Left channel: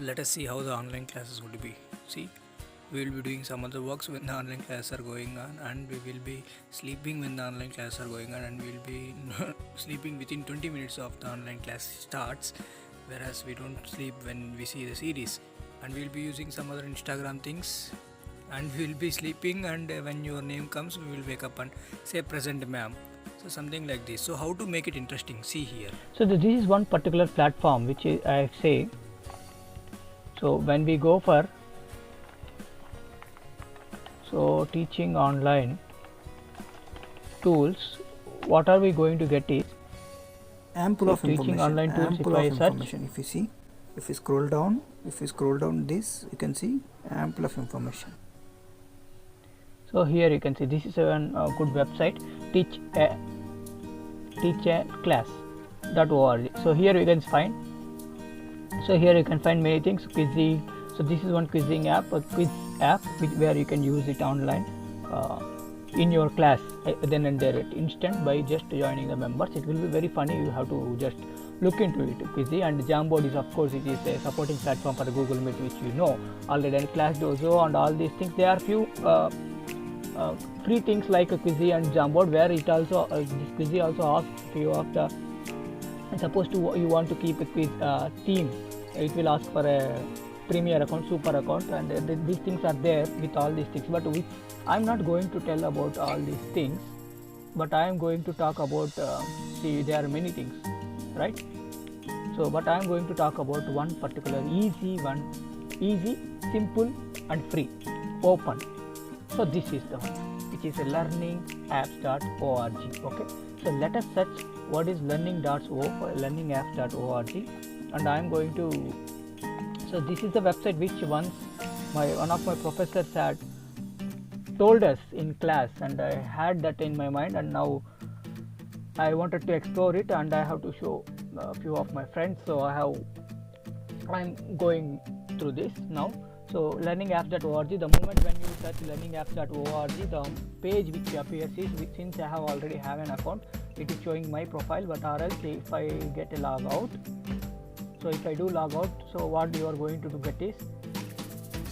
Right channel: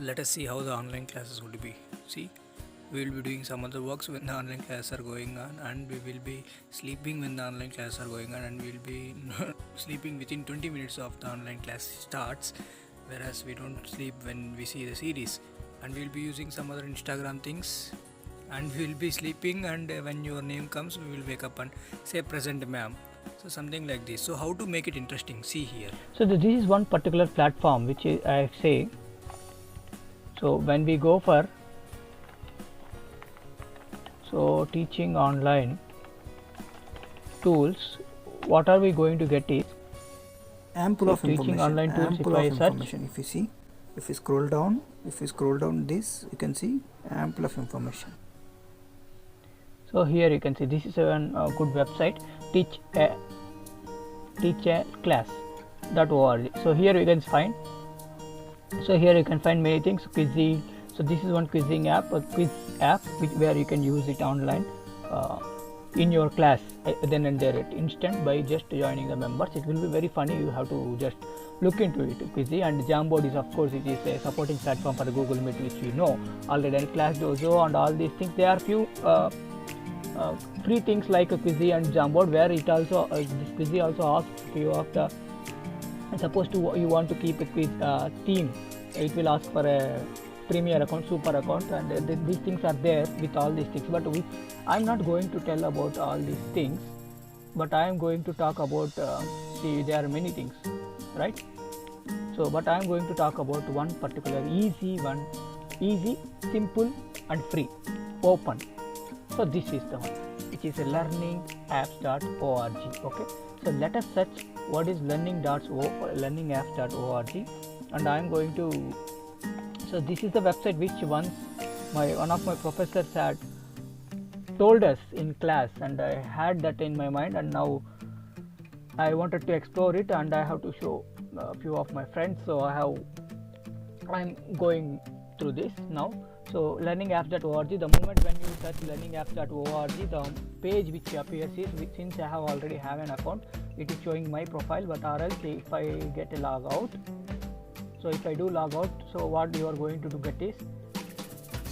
let us see how the online classes would be. See, we will be doing some other works when the online classes are going on, and we will be sleeping when the online classes are going on, and we will be sleeping within 20 minutes of the online class starts, whereas we don't sleep when we see the series. And we will be using some other Instagram things, and we will be sleeping, and when your name comes we will wake up and say present ma'am. So something like this. So how to make it interesting? See here. So this is one particular platform which I say. So when we go for teaching online tools, what are we going to get is ample of teaching information. online tools. Ample If of information. If you see, if you scroll down this, you can see ample of information. So here you can see this is a good website, teachaclass.org. So here you can find many things. Quizziz. So this is one quizzing app, a quiz app where you can use it online in your class then and there at instant by just joining the members. It will be very funny. You have to just look into it. Quizziz and Jamboard is, of course, it is a supporting platform for Google Meet, which you know already. And Class Dojo and all these things. There are few free things like Quizziz and Jamboard, where it also this Quizziz also asks few of the. Suppose you want to keep a quiz theme, it will ask for a premier account, super account, and these things are there with all these things. But I'm not going to tell about all these things, but I am going to talk about see, there are many things, right? So but I am going to talk about one particular easy, simple and free, open. So this is the one, which is learningapps.org. Okay, so let us search what is learningapps.org, and I am going to. So this is the website which once one of my professors had told us in class, and I had that in my mind, and now I wanted to explore it, and I have to show a few of my friends. So I'm going through this now. So learningapps.org, the moment when you search learningapps.org, the page which appears is, since I have already have an account, it is showing my profile. But or else if I get a log out, so if I do log out, so what you are going to get is,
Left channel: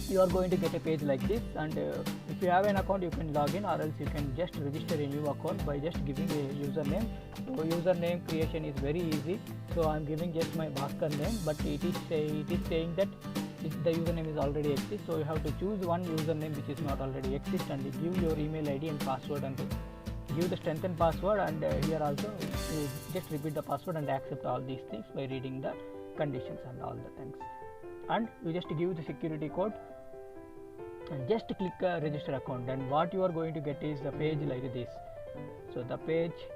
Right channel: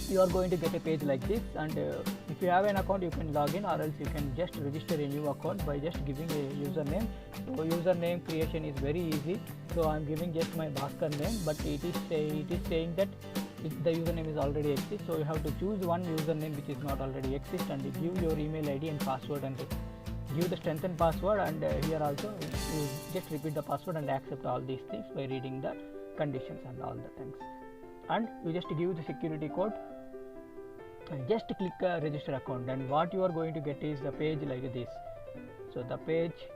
you are going to get a page like this, and if you have an account you can log in, or else you can just register a new account by just giving a username. So username creation is very easy. So I am giving just my Bhaskar name, but it is saying that the username is already exist. So you have to choose one username which is not already exist, and give your email ID and password, and give the strengthened password, and here also you just repeat the password and accept all these things by reading the conditions and all the things, and you just give the security code and just click register account, and what you are going to get is the page like this. So the page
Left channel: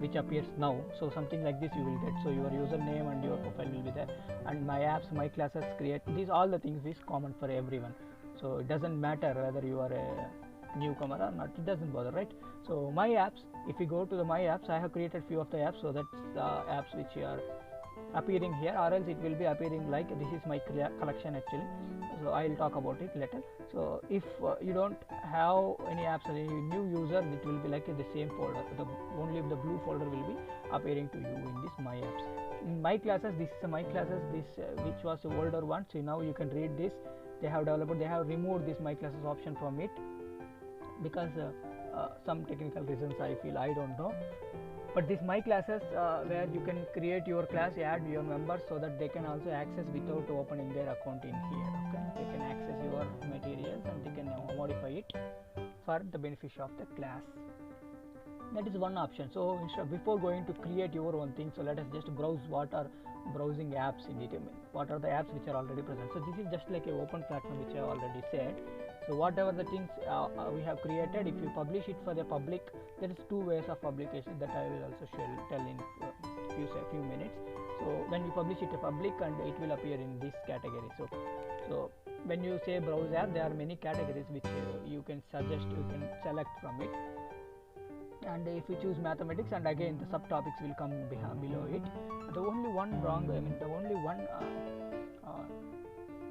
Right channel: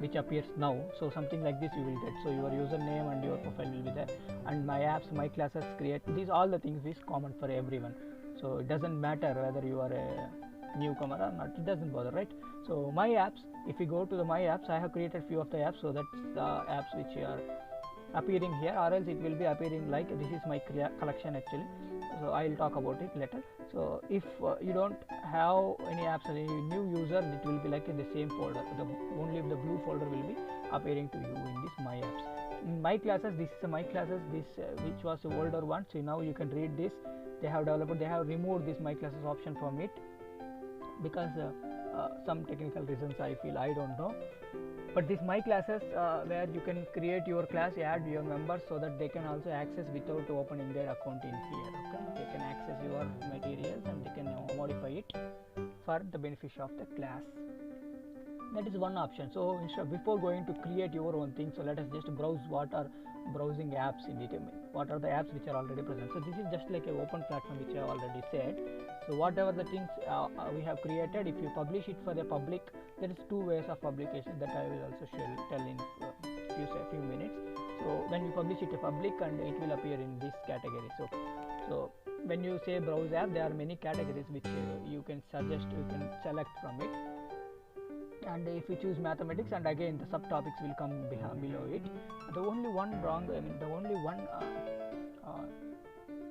which appears now, so something like this you will get. So your username and your profile will be there, and my apps, my classes, create these, all the things is common for everyone. So it doesn't matter whether you are a newcomer or not, it doesn't bother, right? So my apps, if you go to the my apps, I have created few of the apps, so that's the apps which are appearing here, or else it will be appearing like this is my collection actually. So I will talk about it later. So if you don't have any apps, any new user, it will be like the same folder, only the blue folder will be appearing to you in this my apps. In my classes, this is my classes, this which was the older one. So now you can read this. They have removed this my classes option from it, because some technical reasons, I feel, I don't know. But this my classes, where you can create your class, add your members, so that they can also access without opening their account in here. Okay, they can access your materials and they can modify it for the benefit of the class. That is one option. So before going to create your own thing, so let us just browse what are browsing apps in it. What are the apps which are already present? So this is just like an open platform which I already said. So whatever the things we have created, if you publish it for the public, there is two ways of publication that I will also tell in few minutes. So when you publish it to public, and it will appear in this category. So when you say browse app, there are many categories which you can suggest, you can select from it. And if you choose mathematics, and again the subtopics will come below it. The only one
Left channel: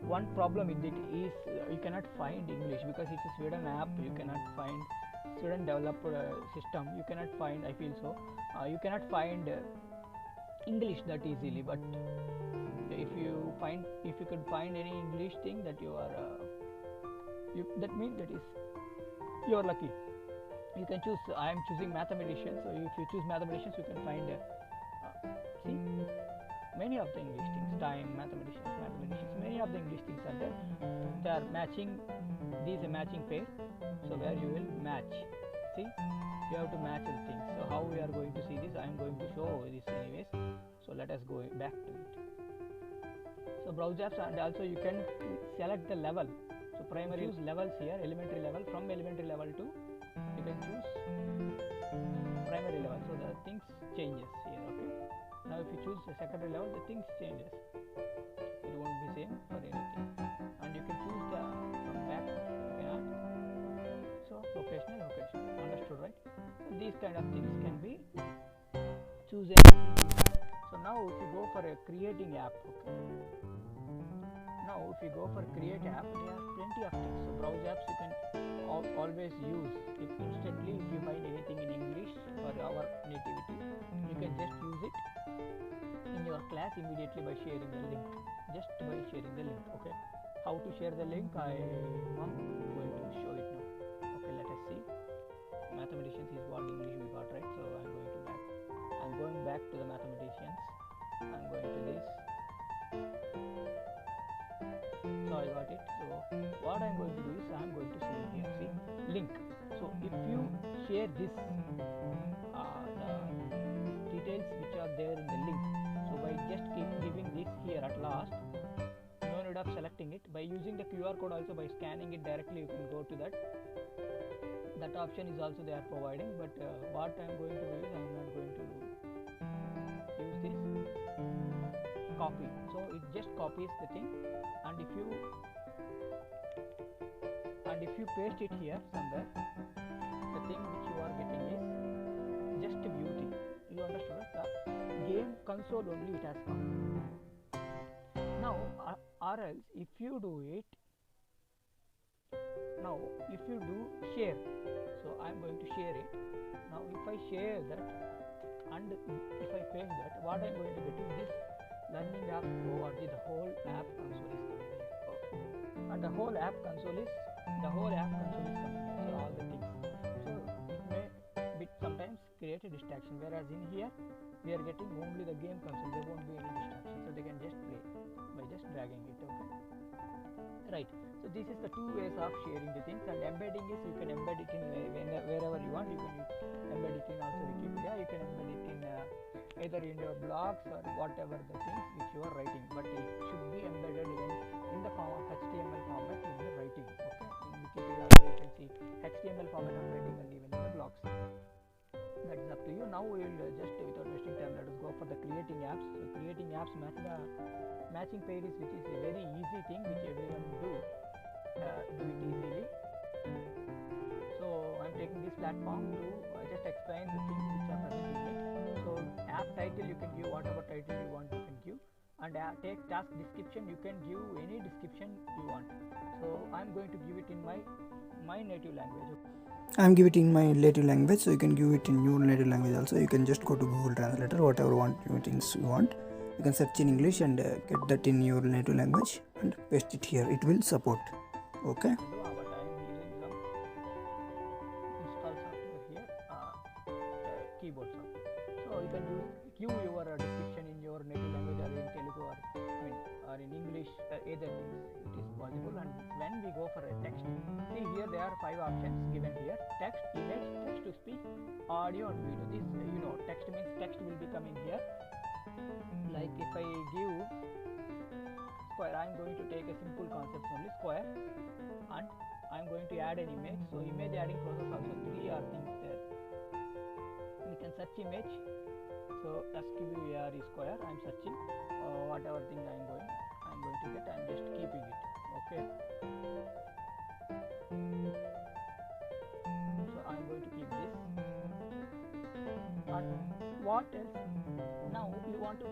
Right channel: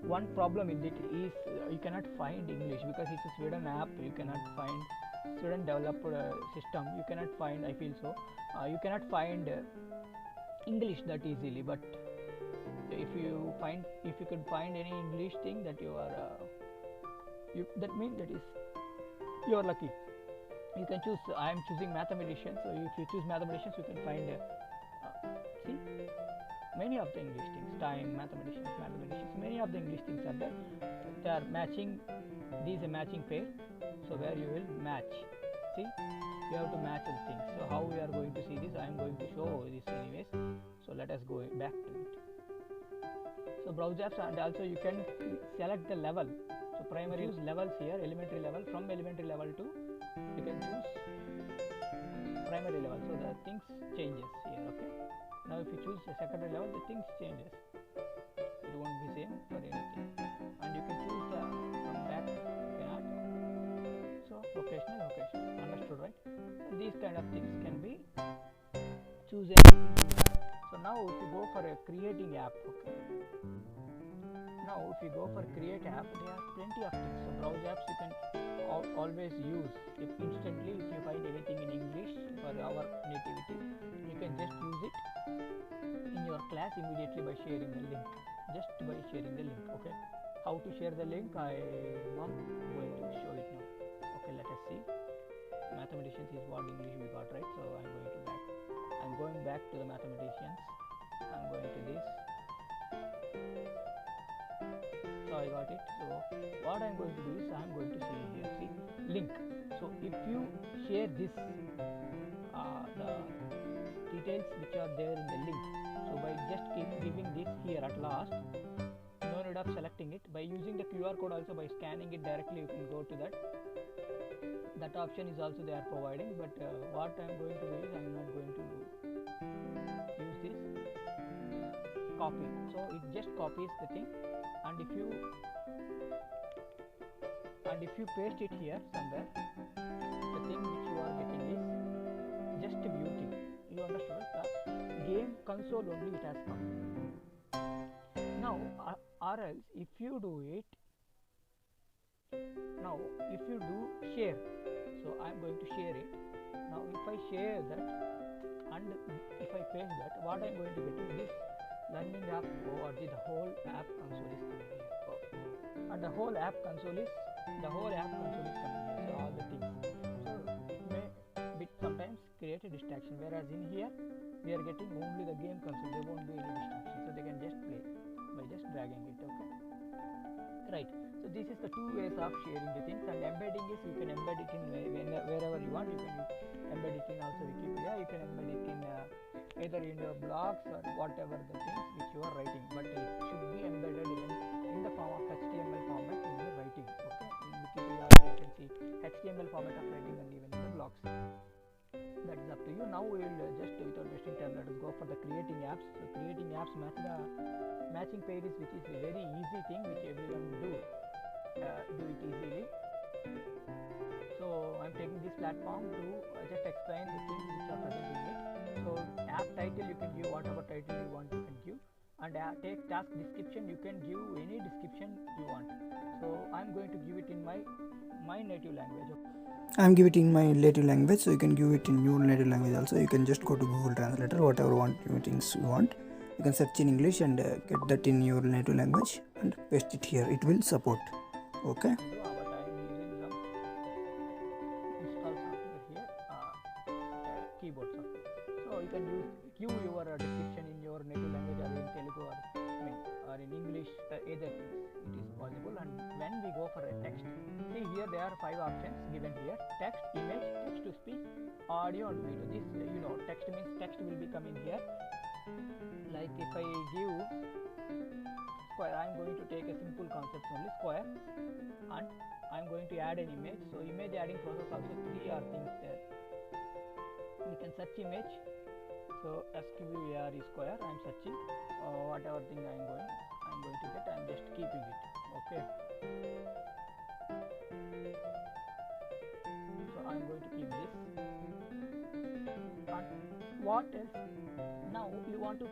one problem with it is you cannot find English, because it's a Sweden app. You cannot find Sweden developed system. You cannot find, I feel so, you cannot find English that easily. But if you could find any English thing that you are that means that is you are lucky. You can choose. I am choosing mathematician, so if you choose mathematicians, you can find see many of the English things. Time, mathematicians, many of the English things are there. They are matching. These a matching pair, so where you will match. See, you have to match the things. So how we are going to see this? I am going to show this anyways. So let us go back to it. So browse apps, and also you can select the level. So primary use levels here, elementary level. From elementary level to you can choose primary level. So the things changes here. Okay. Now if you choose the secondary level, the things changes. It won't be same for anything. And you can choose the from back. You can add. So vocational. Understood, right? So these kind of things can be chosen. So now if you go for a creating app, okay. Now if you go for create app, there are plenty of things. So browse apps you can always use. If instantly if you find anything in English for our nativity, you can just use it in your class immediately by sharing the link. Just by sharing the link, okay. How to share the link? I am going to show it now. Okay, let us see. Mathematicians is what English we got, right? So I'm going back to the mathematicians. I'm going to this. So I got it. So what I'm going to do is I'm going to see here. See link. So if you share this, the details which are there in the link. So by just keep giving this here at last. No need of selecting it. By using the QR code also, by scanning it directly you can go to that. That option is also they are providing, but what I am going to do is I am not going to use this copy. So it just copies the thing, and if you paste it here somewhere, the thing which you are getting is just beauty. You understood it? The game console only it has come. Now or else if you do it, now if you do share, so I am going to share it. Now if I share that and if I paste that, what I am going to get is this learning app ORG. The whole app console is coming here. And the whole app console is coming here. So all the things. So it may sometimes create a distraction, whereas in here we are getting only the game console. There won't be any distraction, so they can just play by just dragging it. Okay, right. So this is the two ways of sharing the things, and embedding is you can embed it in wherever you want. You can embed it in also Wikipedia. You can embed it in either in your blogs or whatever the things which you are writing, but it should be embedded in the form of HTML format in the writing. Okay, in Wikipedia also you can see HTML format of writing, and even in the blogs. That is up to you. Now we will just without wasting time, let us go for the creating apps. So creating apps matching pairs, which is a very easy thing which everyone do it easily. So I'm taking this platform to just explain the things which are present in it. So app title you can give whatever title you want, you can give, and take task description, you can give any description you want. So I'm going to give it in my native language. I'm giving it in my native language, so you can give it in your native language also. You can just go to Google Translator, whatever things you want. You can search in English and get that in your native language and paste it here. It will support. Okay. But I am using some install software here, keyboard software. So you can give your description in your native language or in Telugu or in English, either things it is possible. And when we go for a text, see here there are 5 options given here: text, image, text to speech, audio and video. This text means text will be coming here. Like if I give square, I am going to take a simple concept only, square, and I am going to add an image. So image adding process also 3 are things there. We can search image. So square is square. I am searching whatever thing I am going to get. I am just keeping it. Okay. So I am going to keep this. And what else? Now you want to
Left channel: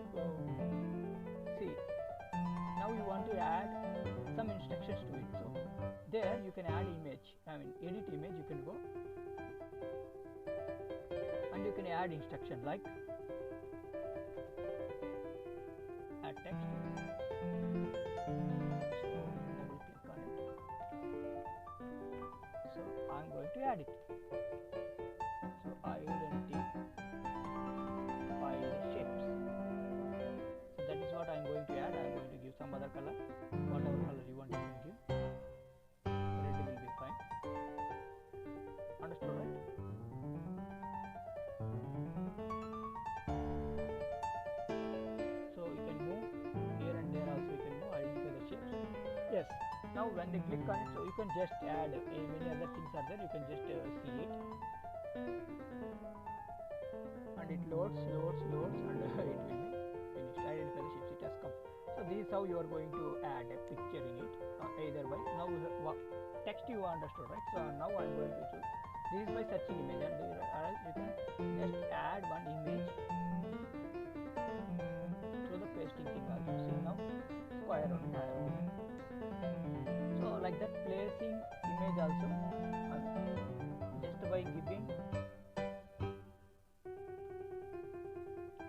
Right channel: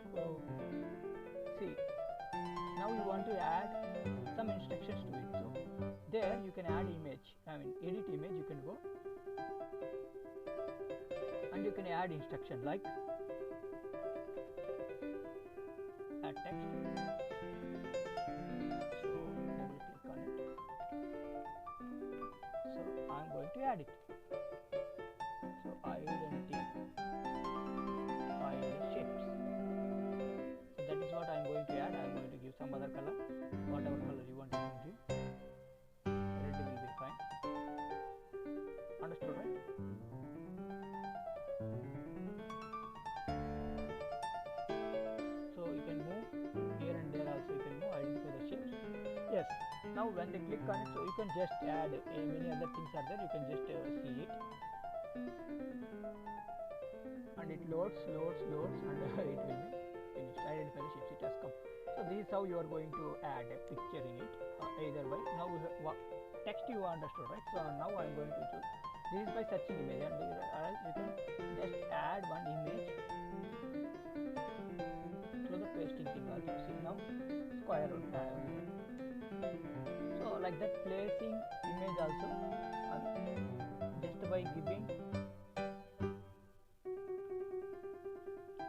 see. Now you want to add some instructions to it. So there you can add image. Edit image. You can go and you can add instruction like add text. So double click on it. So I am going to add it. So identify the shapes. So that is what I am going to add. I am going to give some other color, whatever color you want you can give. Red will be fine. Understood, right? So you can move here and there also, you can move, identify the shapes. Yes, now when they click on it, so you can just add many other things are there, you can just see it, and it loads and it will be finished. Identify the shapes, it has come. So this is how you are going to add a picture in it, either by, now text you understood, right? So now I am going to choose, this is by searching image, and you can just add one image through the pasting thing also. See, now square only I have given. So like that, placing image also, just by giving,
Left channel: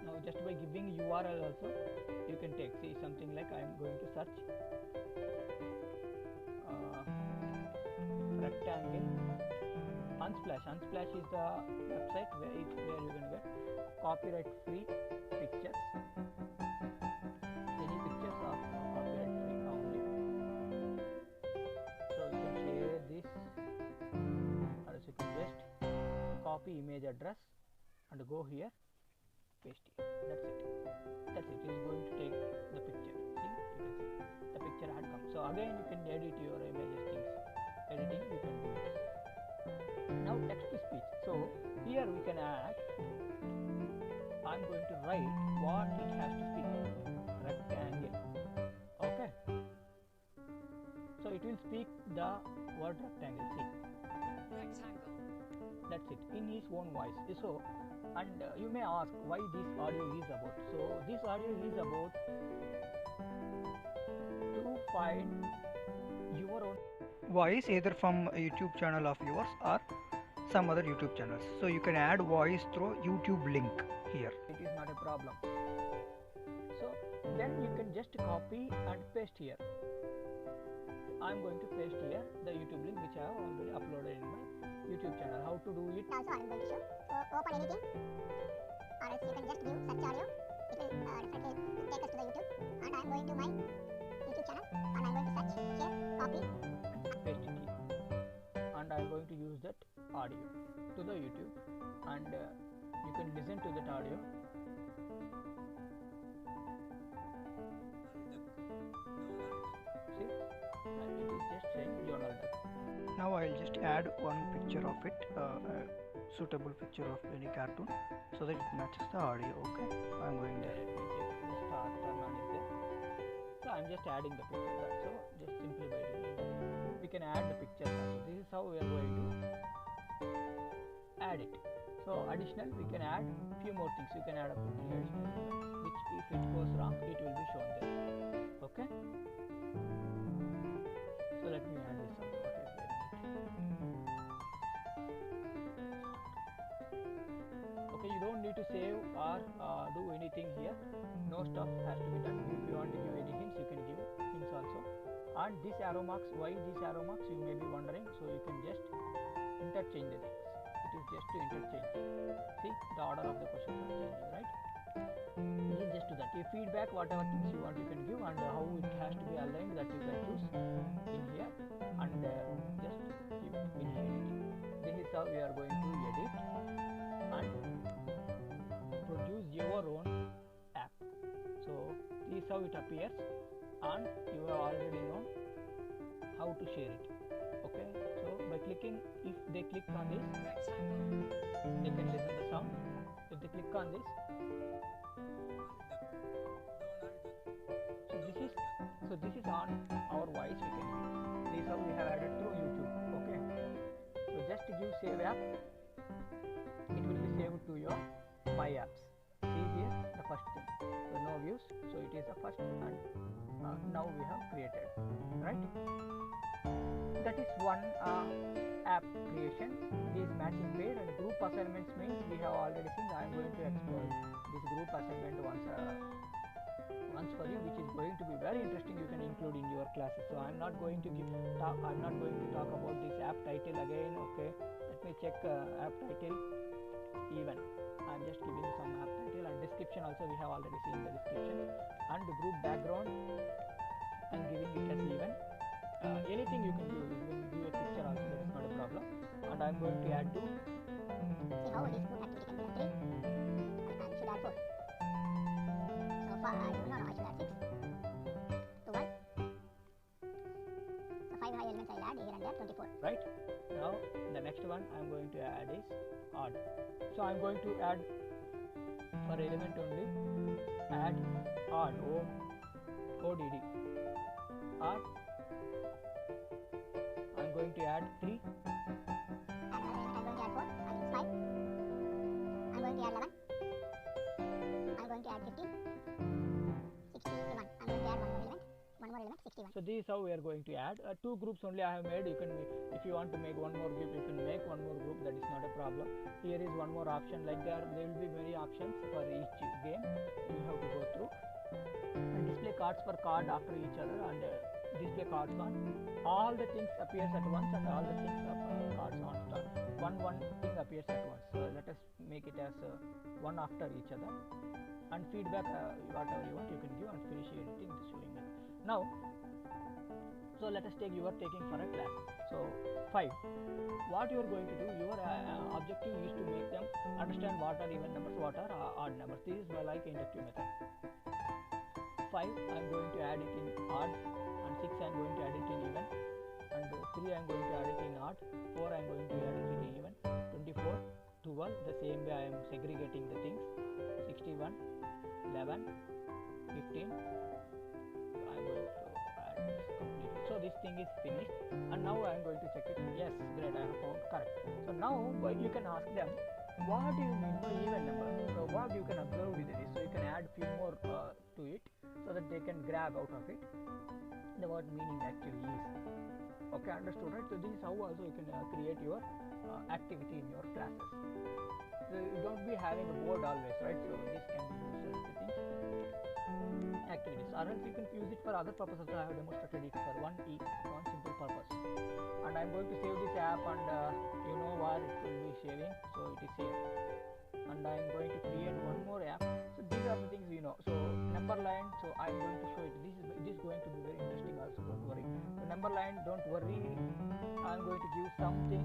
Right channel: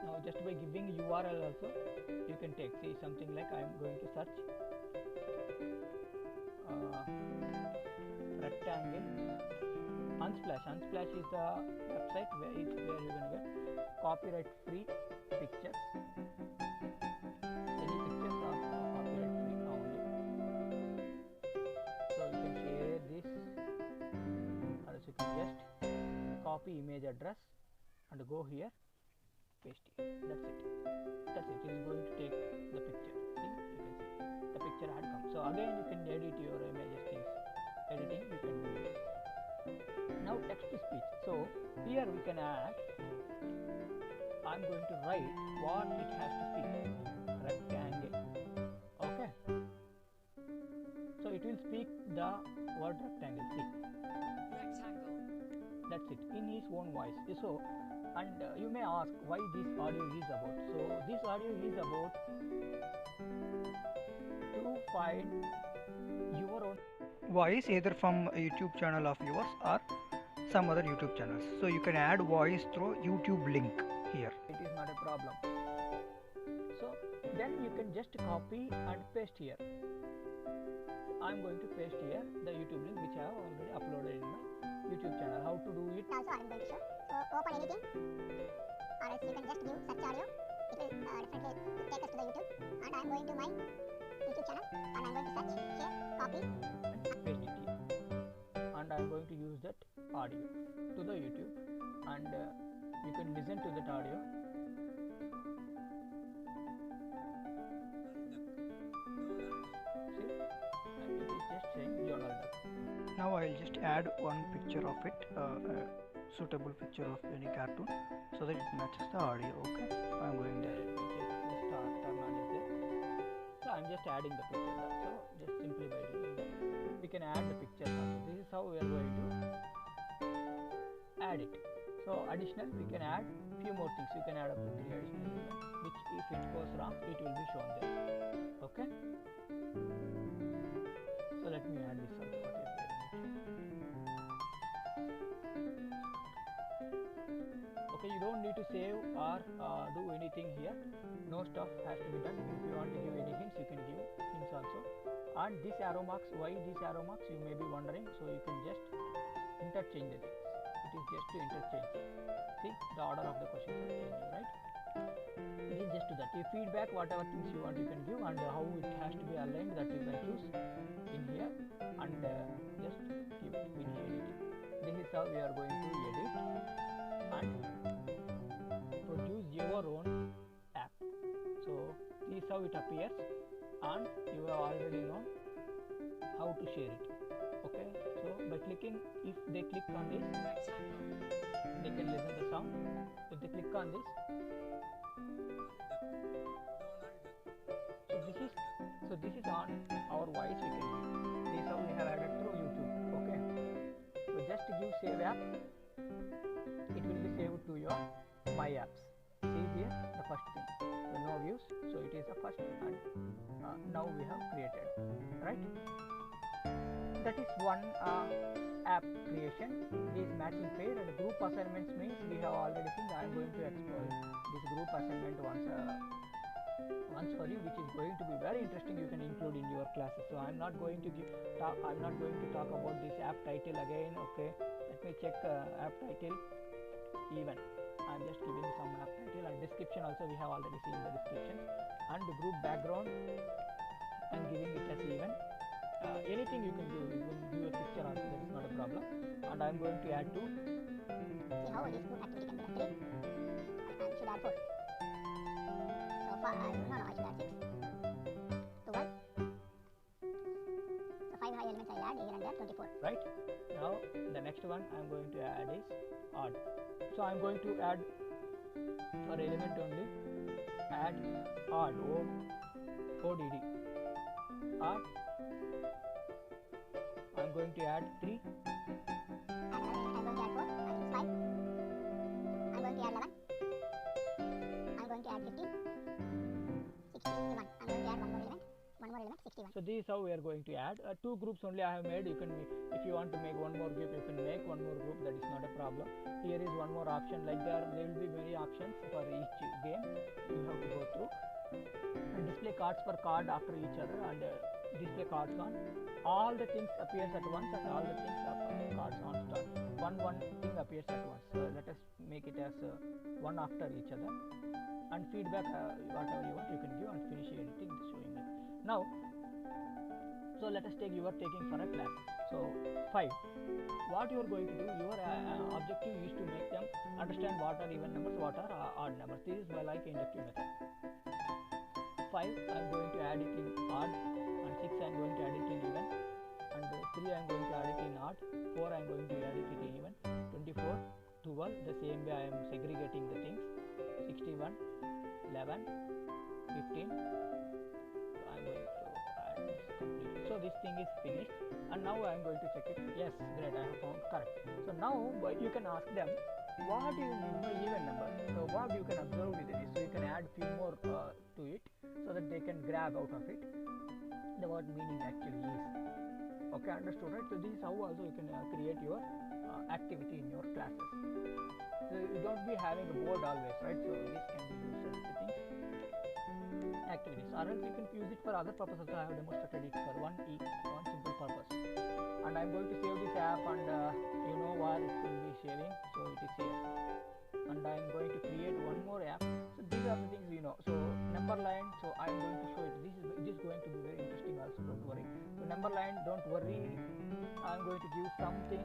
now just by giving URL also you can take. See, something like I am going to search rectangle Unsplash. Unsplash is the website where you can get copyright free pictures, any pictures of copyright free only. So you can share this, or else you can just copy image address and go here, paste here. That's it. It is going to take the picture. See, you can see the picture had come. So again you can edit your images things. Editing you can do it. Now text to speech. So here we can add, I am going to write what it has to speak. Rectangle. Okay. So it will speak the word rectangle. See. Rectangle. That's it, in his own voice. So, and you may ask why this audio is about. So this audio is about to find your own voice either from a YouTube channel of yours or some other YouTube channels. So you can add voice through YouTube link here. It is not a problem. So then you can just copy and paste here. I am going to paste here the YouTube link which I have already uploaded in my YouTube channel. How to do it? Also I am going to show. So open anything, or else you can just give search audio. It will definitely take us to the YouTube. And I am going to my YouTube channel and I am going to search here, copy and paste it here. And I am going to use that audio to the YouTube, and you can listen to that audio. See, and it is just saying Donald Duck. Now I will just add one picture of it, a suitable picture of any cartoon, so that it matches the audio. Okay, I am going there. Let me check the turn on is there. So I am just adding the picture. So just simply by doing that, we can add the picture also. This is how we are going to add it. So additional, we can add few more things. You can add up to 3 additional elements, which if it goes wrong, it will be shown there. Okay. So let me add this also. What is there in it? Okay, you don't need to save or do anything here. No stuff has to be done. If you want to give any hints, you can give hints also. And this arrow marks, why these arrow marks, you may be wondering. So you can just interchange the things. It is just to interchange. See, the order of the questions are changing, right? It is just to that. Your feedback, whatever things you want, you can give, and how it has to be aligned, that you can choose in here, and just give it, finish editing. This is how we are going to edit and produce your own app. So this is how it appears, and you have already known how to share it. Okay, so by clicking, if they click on this, Rectangle. they can listen the sound. If they click on this, so this is on our voice we can give. This is how we have added through YouTube. Okay, so just give save app, it will be saved to your my apps. See here the first thing, so no views, so it is the first, and now we have created, right? That is one app creation. This matching pair and group assignments means we have already seen. I am going to explore this group assignment once ones for you, which is going to be very interesting. You can include in your classes. So I'm not going to talk about this app title again. Okay, let me check app title even. I'm just giving some app title, and description also we have already seen the description, and the group background I'm giving it as even. Anything you can give, you can give a picture also, that is not a problem. And I'm going to add 2. See how this group activity can be done. 3. I should add 4. So 5. No, I should add 6. 12. So 5 high elements I'll add here and there. 24. Right? Now the next one I'm going to add is odd. So I'm going to add for element only, add odd, ODD. Odd. I'm going to add 3. And another element I'm going to add 4. I use 5. I'm going to add 11. I'm going to add 15. 61. I'm going to add one more element. 61. So this is how we are going to add 2 groups only I have made. You can make, if you want to make one more group, you can make one more group, that is not a problem. Here is one more option, like there will be many options for each game you have to go through, and display cards per card after each other, and display cards on all the things appears at once, and all the things cards on start. One thing appears at once. So let us make it as one after each other, and feedback whatever you want you can give, and finish editing the showing it. Now, so let us take, you are taking for a class. So 5. What you are going to do, your objective is to make them understand what are even numbers, what are odd numbers. This is like inductive method. 5 I am going to add it in odd, and 6 I am going to add it in even, and 3 I am going to add it in odd, 4 I am going to add it in even, 24, 12, the same way I am segregating the things, 61, 11, 15. I am going to add this completely. So this thing is finished, and now I am going to check it. Yes, great, I have found correct. So now you can ask them, what do you mean by even number? So what you can observe with this, so you can add few more to it, so that they can grab out of it the what meaning actually is. Okay, understood, right? So this is how also you can create your activity in your classes. So you don't be having a board always, right? So this can be used as the things, activities, or else you can use it for other purposes. I have demonstrated it for one simple purpose. And I'm going to save this app, and you know where it will be saving, so it is here. And I'm going to create one more app. So these are the things you know. So number line, so I'm going to show it. This is going to be very interesting also, don't worry. So number line, don't worry, I'm going to give something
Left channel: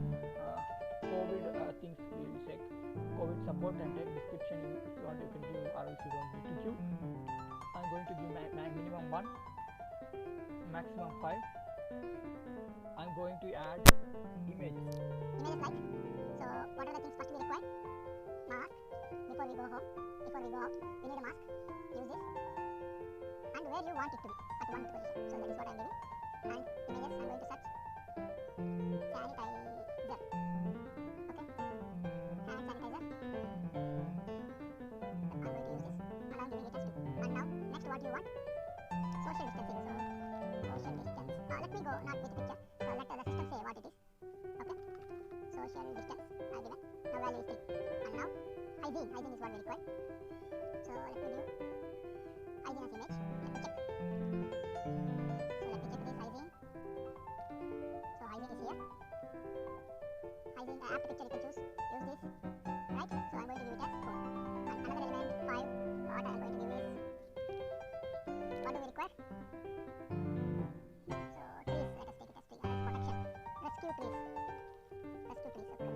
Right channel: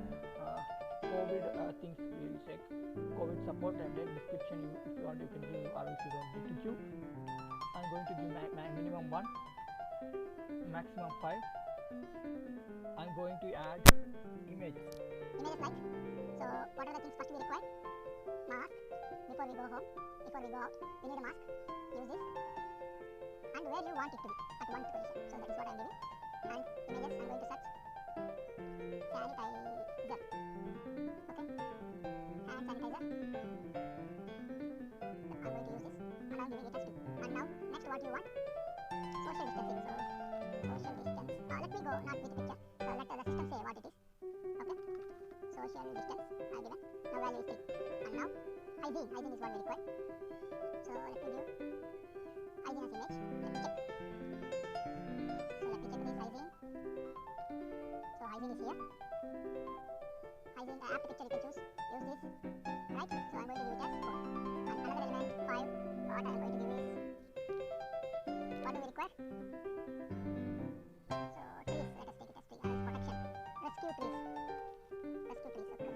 COVID things we will check. COVID support, and take description if you want you can give, or else you don't need to give. I'm going to give my minimum 1, maximum 5. I'm going to add images. Images like, so what are the things first we require? Mask. Before we go home, before we go out, we need a mask. Use this. And where you want it to be, at 1st position. So that is what I am giving. And images, I am going to search sanitizer. Okay. Hand sanitizer. I am going to use this, and I am giving it as 2. And now, next what you want? Social distancing. So social distance. Let me go not with the picture. So let the system say what it is. Okay. Social distance I given. Now value is 3. And now hygiene. Hygiene is what we require. So let me give hygiene as image. Let me check. So let me check this hygiene. So hygiene is here. Hygiene after picture you can choose. Use this. Right. So I'm going to give it as 4. And another element 5. What I am going to give is, what do we require? So trees. Let us take it as tree. Or else protection. Rescue trees. Rescue trees. Okay.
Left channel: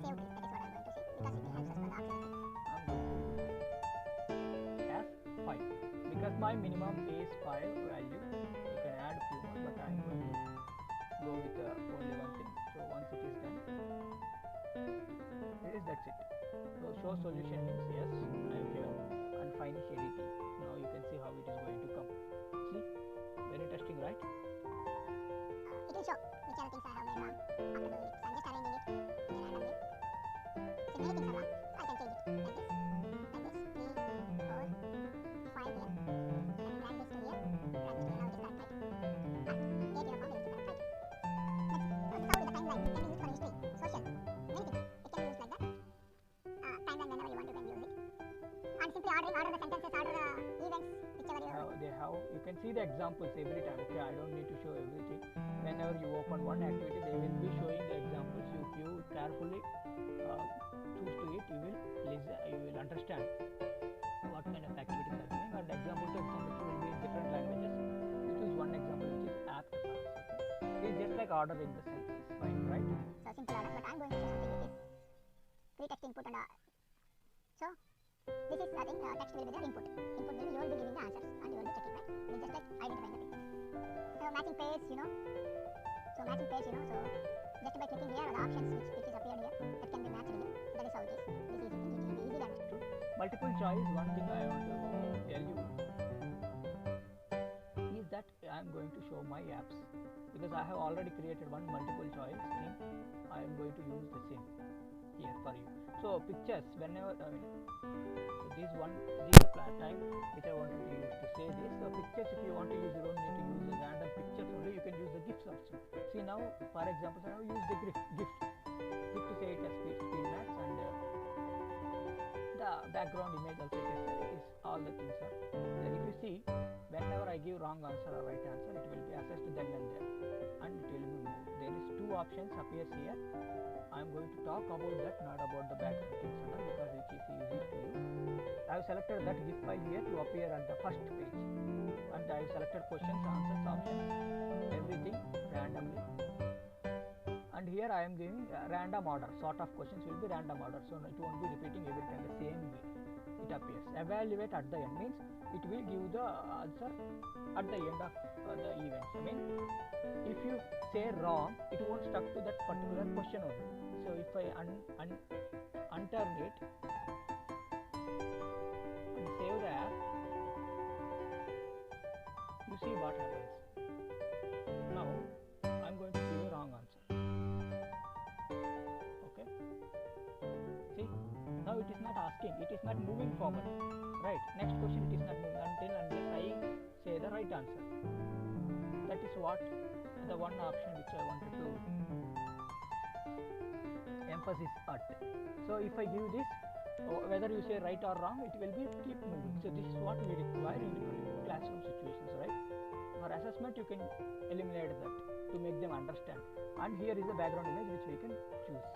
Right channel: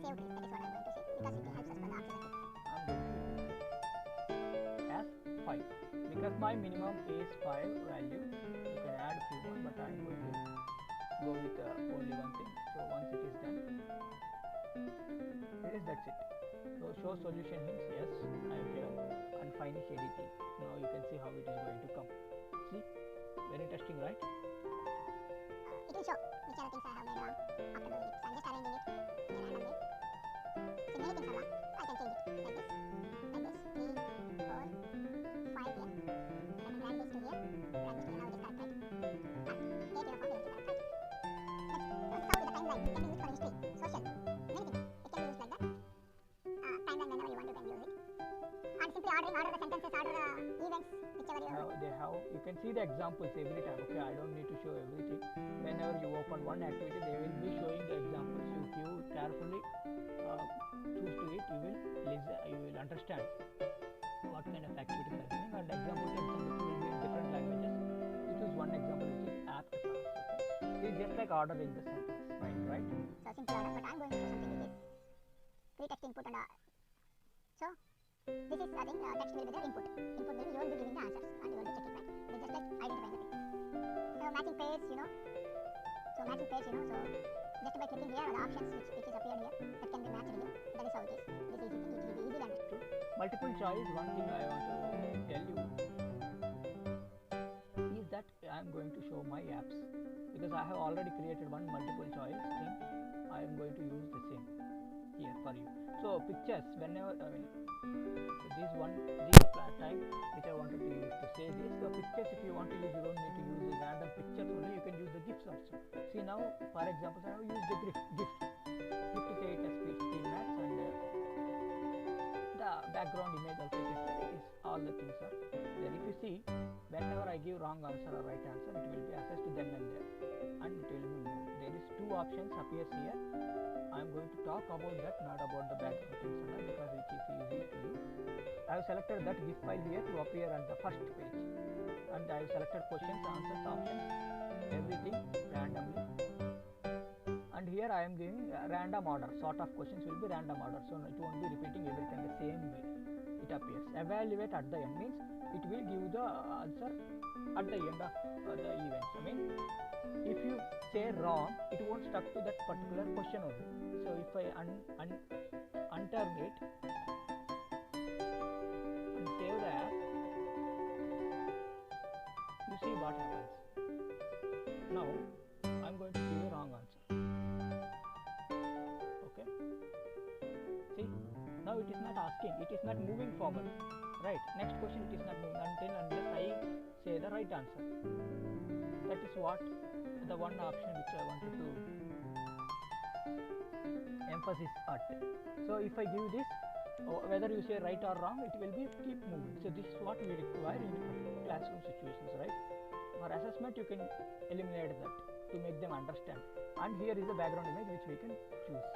Save trees. That is what I am going to say, because it helps us for the oxygen thing. I'm going to use it as 5 because my minimum is 5 value. You can add a few more, but I'm going to go with only one thing. So once it is done, that's it. So show solution means yes, I have given, and finish editing. Now you can see how it is going to come. See, very interesting, right? It will show which are the things I have made wrong after doing it. So I'm just arranging it in a random way. So many things are wrong, so I can change it like this, 3, 4, 5 here. And I can drag this to here, drag this to here. Now it is correct, right? Take your form, it is correct, right? Next, so this is how the timeline. It can be used for history, social, many things. It can be used like that. Timeline, whenever you want, you can use it. And simply order the sentences, order the events blanks, whichever you can see the examples every time. Okay, I don't need to show everything. Whenever you open one activity, they will be showing the examples. If you carefully choose to it, you will listen, you will understand what kind of activities are doing, and example to example will be in different languages. You choose one example which is apt for us. Okay, it's just like ordering the sentence, fine, right? So simple order, but I'm going to show something which is free text input and so this is I think text will be the input. Input will be you will be giving the answers and you will be checking, right? It is just like identifying the pictures. So matching pairs, so matching pairs, so just by clicking here the options which is appeared here that can be matched here. That is how it is. This easy thing, it will be easily understood. Multiple choice, one thing I want to tell you is that I am going to show my apps because I have already created one multiple choice thing. I am going to use the same here for you. So pictures, whenever so this is the time which I wanted to use to say this. So pictures, if you want to use, you don't need to use the random pictures only. You can use the GIFs also. See now, for example, I have used the GIF to say it as speed maths, and the background image also is all the things are there. If you see, whenever I give wrong answer or right answer, it will be assessed then and there, and it will be moved. There is two options appears here. I am going to talk about that, not about the background things and all, because which is easy to do. I have selected that GIF file here to appear on the first page, and I have selected questions, answers, options, everything randomly. And here I am giving random order. Sort of questions will be random order, so it won't be repeating every time the same way it appears. Evaluate at the end means it will give the answer at the end of the events. I mean, if you say wrong, it won't stuck to that particular question only. So if I unturn it and save the app, you see what happens. Now I am going to give a wrong answer. Okay, see, now it is not asking, it is not moving forward, right? Next question it is not moving unless I say the right answer. That is what the one option which I wanted to emphasis at. So if I give this, whether you say right or wrong, it will be keep moving. So this is what we require in particular classroom situations, right? For assessment you can eliminate that to make them understand. And here is the background image which we can choose.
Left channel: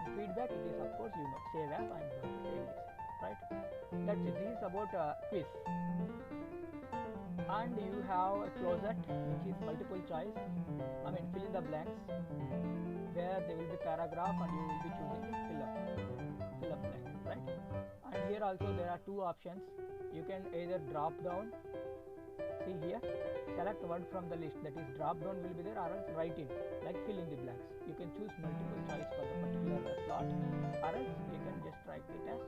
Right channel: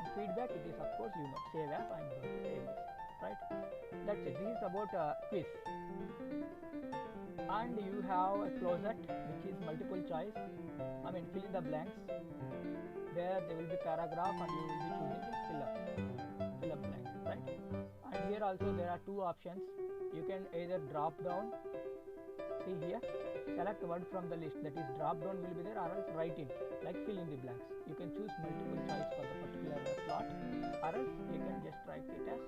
And feedback, it is of course save app. I am going to save this, right? That's it. This is about quiz. And you have a closet which is multiple choice. I mean fill in the blanks, where there will be paragraph and you will be choosing fill up blank, right? And here also there are two options. You can either drop down, see here, select word from the list, that is drop down will be there, or else write in, like fill in the blanks. You can choose multiple choice for the particular slot, or else you can just write it as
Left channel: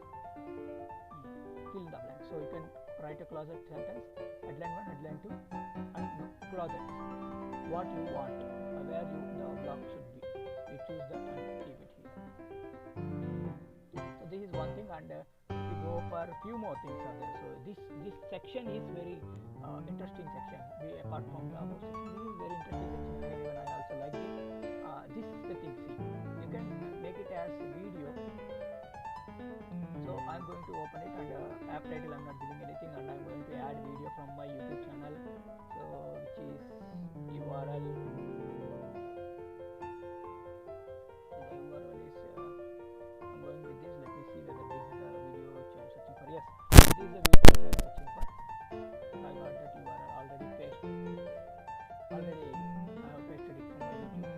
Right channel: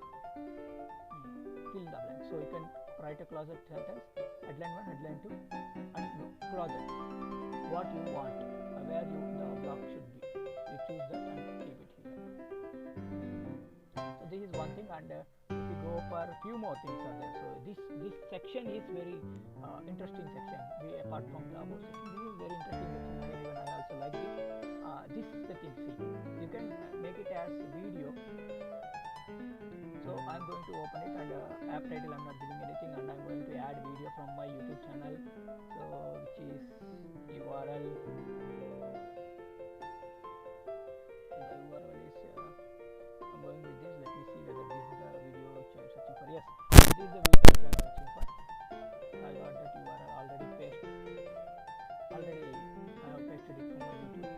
fill in the blank. So you can write a closet sentence, headline 1, headline 2, and closet what you want, where the block should be. You choose that and keep it here. So this is one thing, and if you go for a few more things are there. So this section is very interesting section. Apart from the above section, this is very interesting section. Even I also like it. This is the thing. See, you can make it as video. So I'm going to open it, and app title I'm not giving anything, and I'm going to add video from my YouTube channel, so which is URL. So the URL is I'm going with this. Let me see whether this is the video which I'm searching for. Yes, this is the video which I'm searching for. I got that URL already pasted. Already I have pasted it from my YouTube.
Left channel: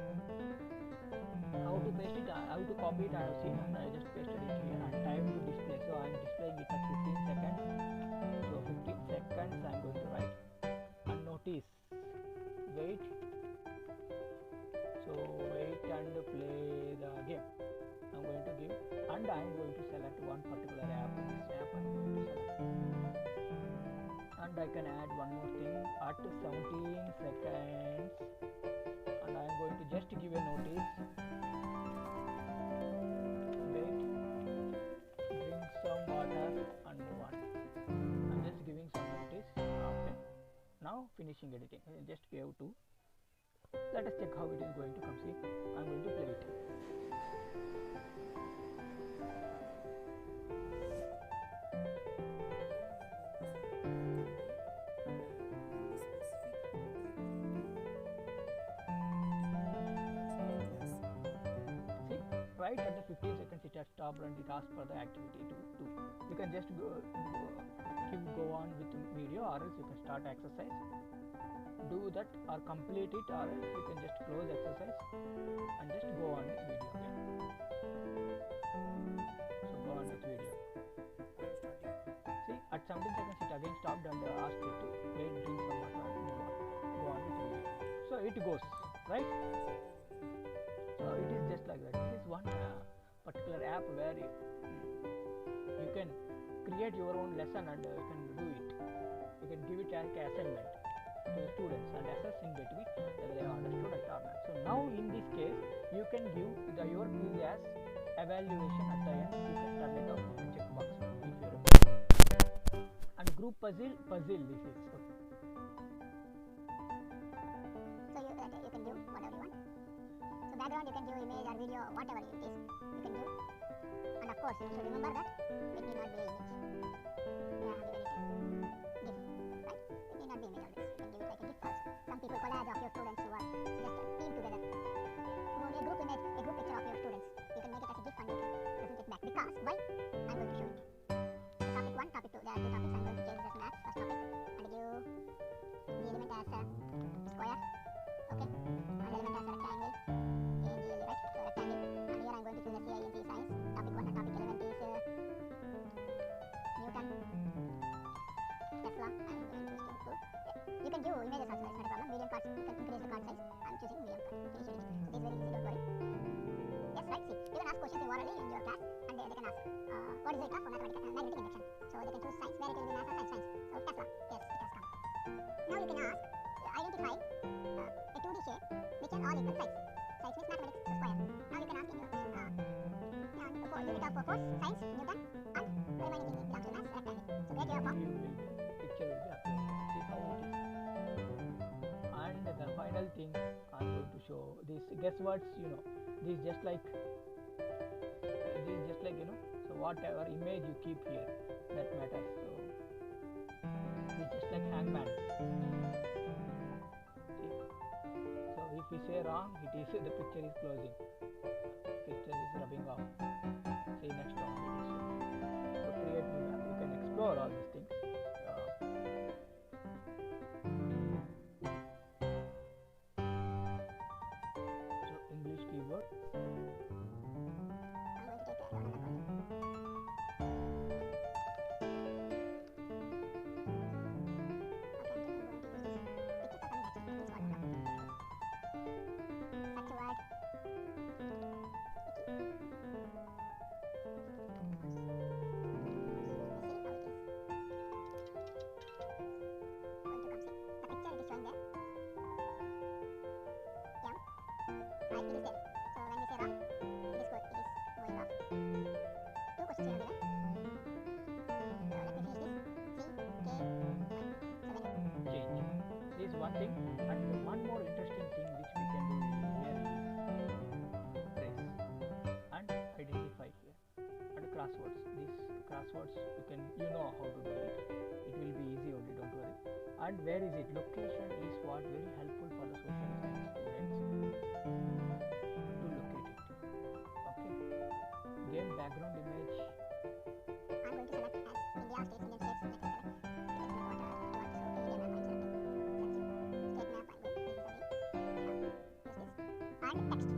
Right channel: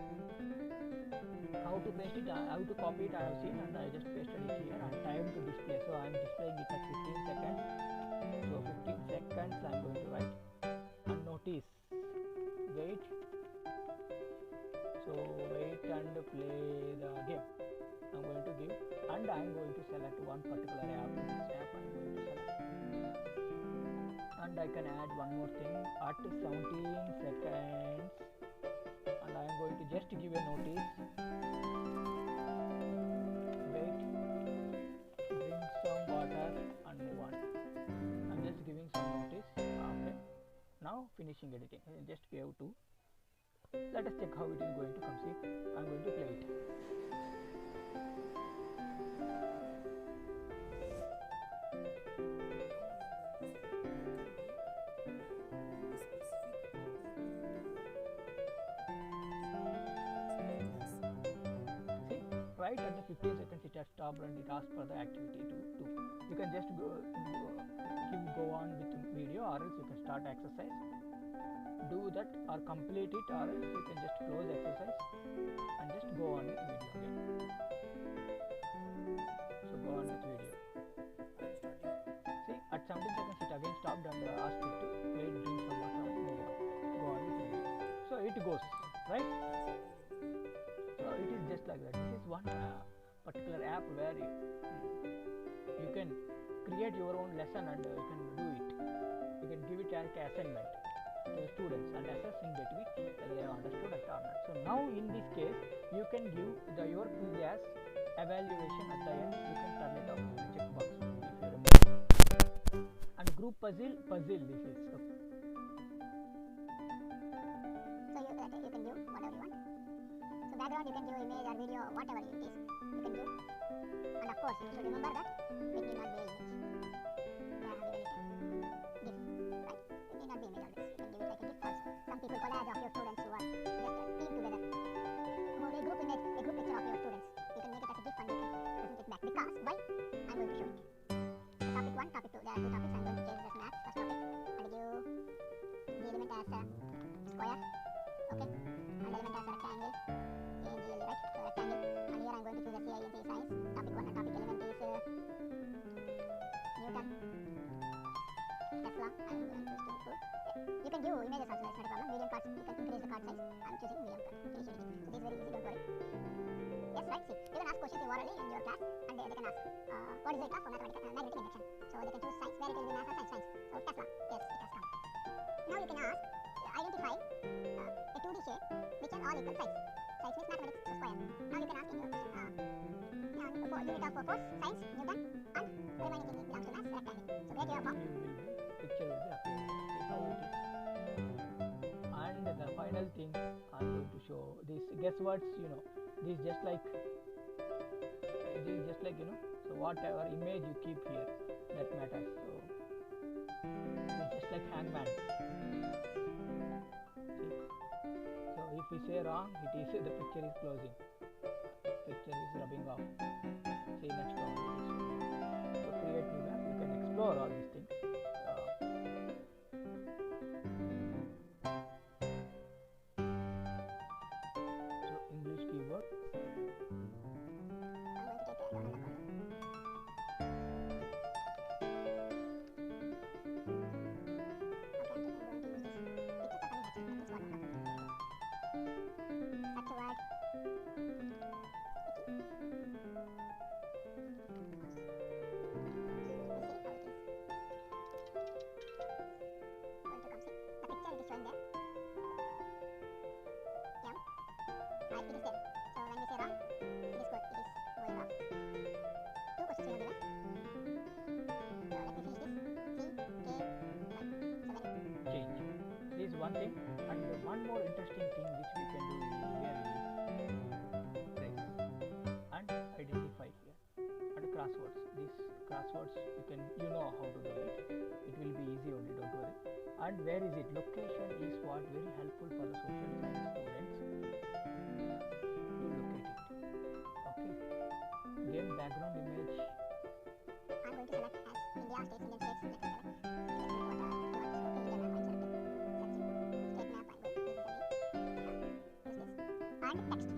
How to paste it, how to copy it I have seen, and I just pasted it here. And time to display, so I am displaying it at 15 seconds. So 15 seconds I am going to write. And notice, wait, so wait and play the game. I am going to give, and I am going to select one particular app. This app I am going to select, and I can add one more thing at 17 seconds, and I am going to just give a notice. Wait, drink some water and move on. I'm just giving some notice. Okay, now finishing editing. I just gave 2. Let us check how it is going to come. See, I'm going to play it. right at the 15 seconds it has stopped and it asks for the activity to do. You can just go on with video, or else you can start exercise, do that or complete it, or else you can just close exercise and just go on with video again. So go on with video. See, at 17 seconds it again stopped and asked it to wait, drink some water and move on. Go on with video. So it goes, right? So it is just like that. This is one particular app where you can create your own lesson and you can do it. You can give it as an assignment to the students and assess in between whether they have understood it or not. So now in this case, you can give your quiz as evaluation at the end. You can turn it off with a checkbox if you remember. And group puzzle this is. Okay. So you can do whatever you want. So background you can do image or video, whatever it is, you can do. And of course you should remember that it need not be image. They have given it a GIF, right? It need not be image always. You can give it like a GIF also. Some people collage of your students who are just a team together. So a group image, a group picture of your students. You can make it as a GIF and you can present it back. Because why? I'm going to show it. So topic 1, topic 2. There are 2 topics. I'm going to change this as math. First topic. And give the element as a square. Okay. And element as a rectangle. ANGLE, right? So rectangle. And here I'm going to choose a CINC science. Topic 1 and topic element is Newton. Tesla. I'm going to choose to. You can give images also, it's not a problem. Medium cards, you can increase the card size. I'm choosing medium card. Finish editing. So this is very easy, don't worry. Yes, right. See, you can ask questions orally in your class, and they can ask what is the rate of magnetic induction. So they can choose science, where it will be math or science. So Tesla. Yes, it has come. Now you can ask, identify a 2D shape which has all equal sides. Sides means mathematics, so square. Now you can ask in your question, for unit of force, science, Newton, and remaining thing belongs to maths, rectangle. So get your form. You will be, picture will be appearing. See how it is. And the final thing I'm going to show these guess words. These just like so whatever image you keep here, that matters. So it's just like hangman. See, so if we say wrong, it is the picture is closing, picture is rubbing off. See, next one it is showing. So create new map, you can explore all these things. So English keyword. I'm going to take another column. Okay, I'm going to use this. Pictures are coming next. This one, no. Search a word. Showing there. Yeah. Right, it is there. So when we say wrong, it is good. It is going off. 2 questions we have given. So let me finish this. C, K, 1. So when Change. This is one thing, and one more interesting thing which we can do here is trace and identify here, and crosswords. These crosswords you know how to do it. It will be easy only, don't worry. And where is it? Location is what very helpful for the social science students to locate it. Okay. Game background image. I'm going to select as India, states, Indian states. Let us select. Let's select what you want. So okay, India map I'm selecting. Searching. State map I'm going. This is again. Use this. And text.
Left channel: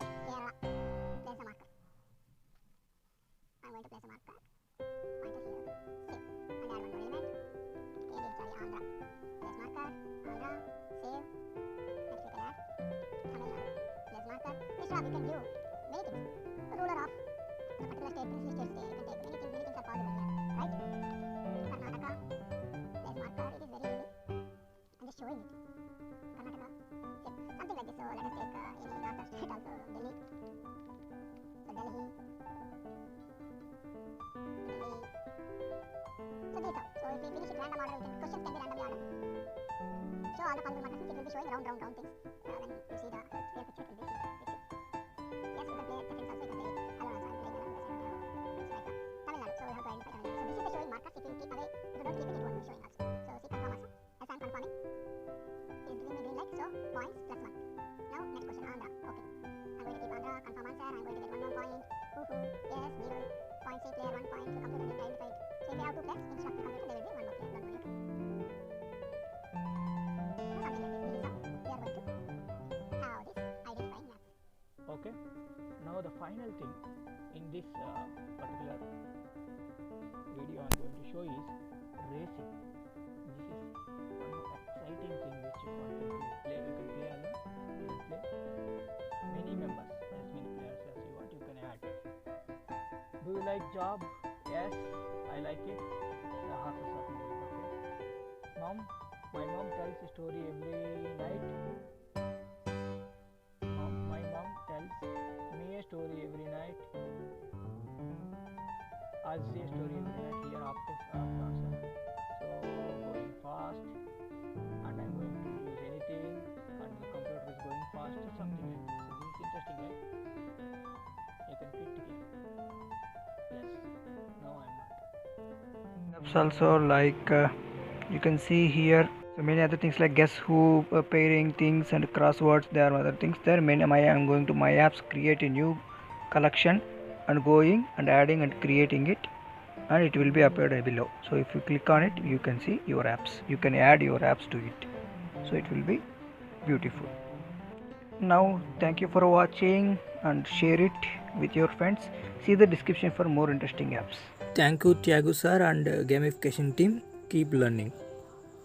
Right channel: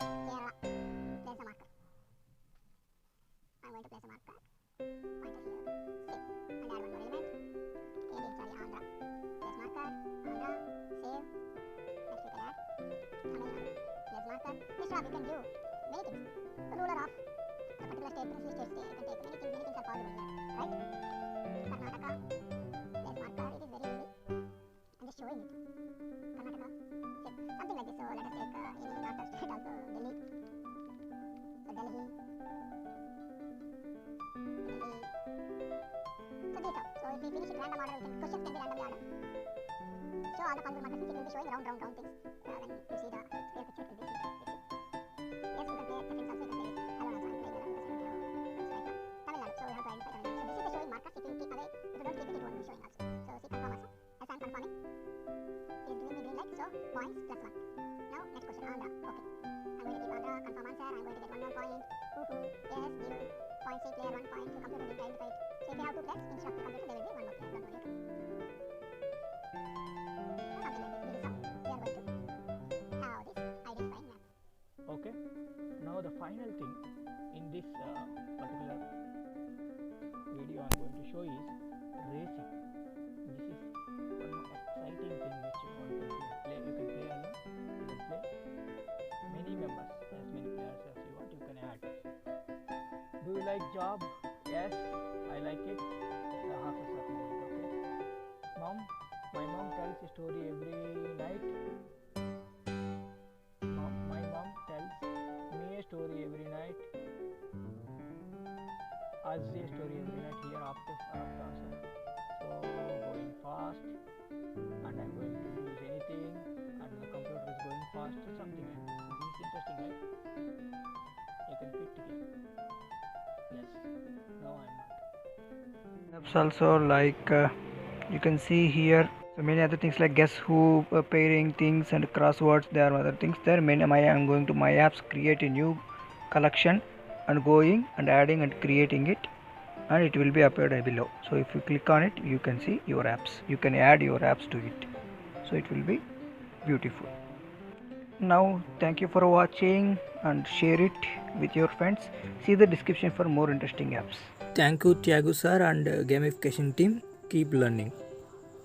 Kerala. Place a marker. I'm going to place a marker. Pointer here. Save. And add one more element. Andhra. Place marker, Andhra, save. Next we can add Tamil Nadu. Place marker. Instead of you can give many things. Ruler of a particular state, princely state, you can take many things are possible here, right? Karnataka. Place marker. It is very easy. I'm just showing it. Karnataka. Save. Something like this. So let us take any northern state also. Delhi. So Delhi. So this how. So if we finish it random order, questions can be randomly ordered. Show all the possible markers, it will be showing round things. When you see the real picture, it will be seen. Yes, you can play the friends also, you can play it alone also. I'm playing alone because I don't have friends right now. Tamil Nadu, so we have to identify Tamil Nadu. So this is the showing markers. If you keep away, if you don't keep it, it won't be showing also. So see confirm also. As I am confirming, it is giving me green light. So points plus 1. Now next question, Andhra. Okay. I'm going to keep Andhra, confirm answer. I'm going to get 1 more point. Woohoo. Yes, deal. Point C player 1 point. So computer didn't identify it. So if you have 2 players, instead of the computer, there will be 1 more player. Don't worry, okay? So something like this. This is how we are going to have this identifying map. Okay, now the final thing in this particular video I'm going to show is racing. This is one more exciting thing which you want to play. You can play alone, you can play many members, as many players as you want, you can add. Do you like job? Yes, I like it. The horses are moving. Okay, my mom tells a story every night. My mom tells me a story every night. Us a story every night. Here after answer. So going fast, and I'm going to use anything, and the computer is going fast, or something like this. So this is interesting, right? You can quit the game. Yes. No, I'm not. Apps also like you can see here. So many other things like guess who, pairing things, and crosswords. There are other things there. I'm going to my apps, create a new collection, and going and adding and creating it, and it will be appeared below. So if you click on it, you can see your apps. You can add your apps to it. So it will be beautiful. Now thank you for watching and share it with your friends. See the description for more interesting apps. Thank you, Thiyagu sir and gamification team. Keep learning.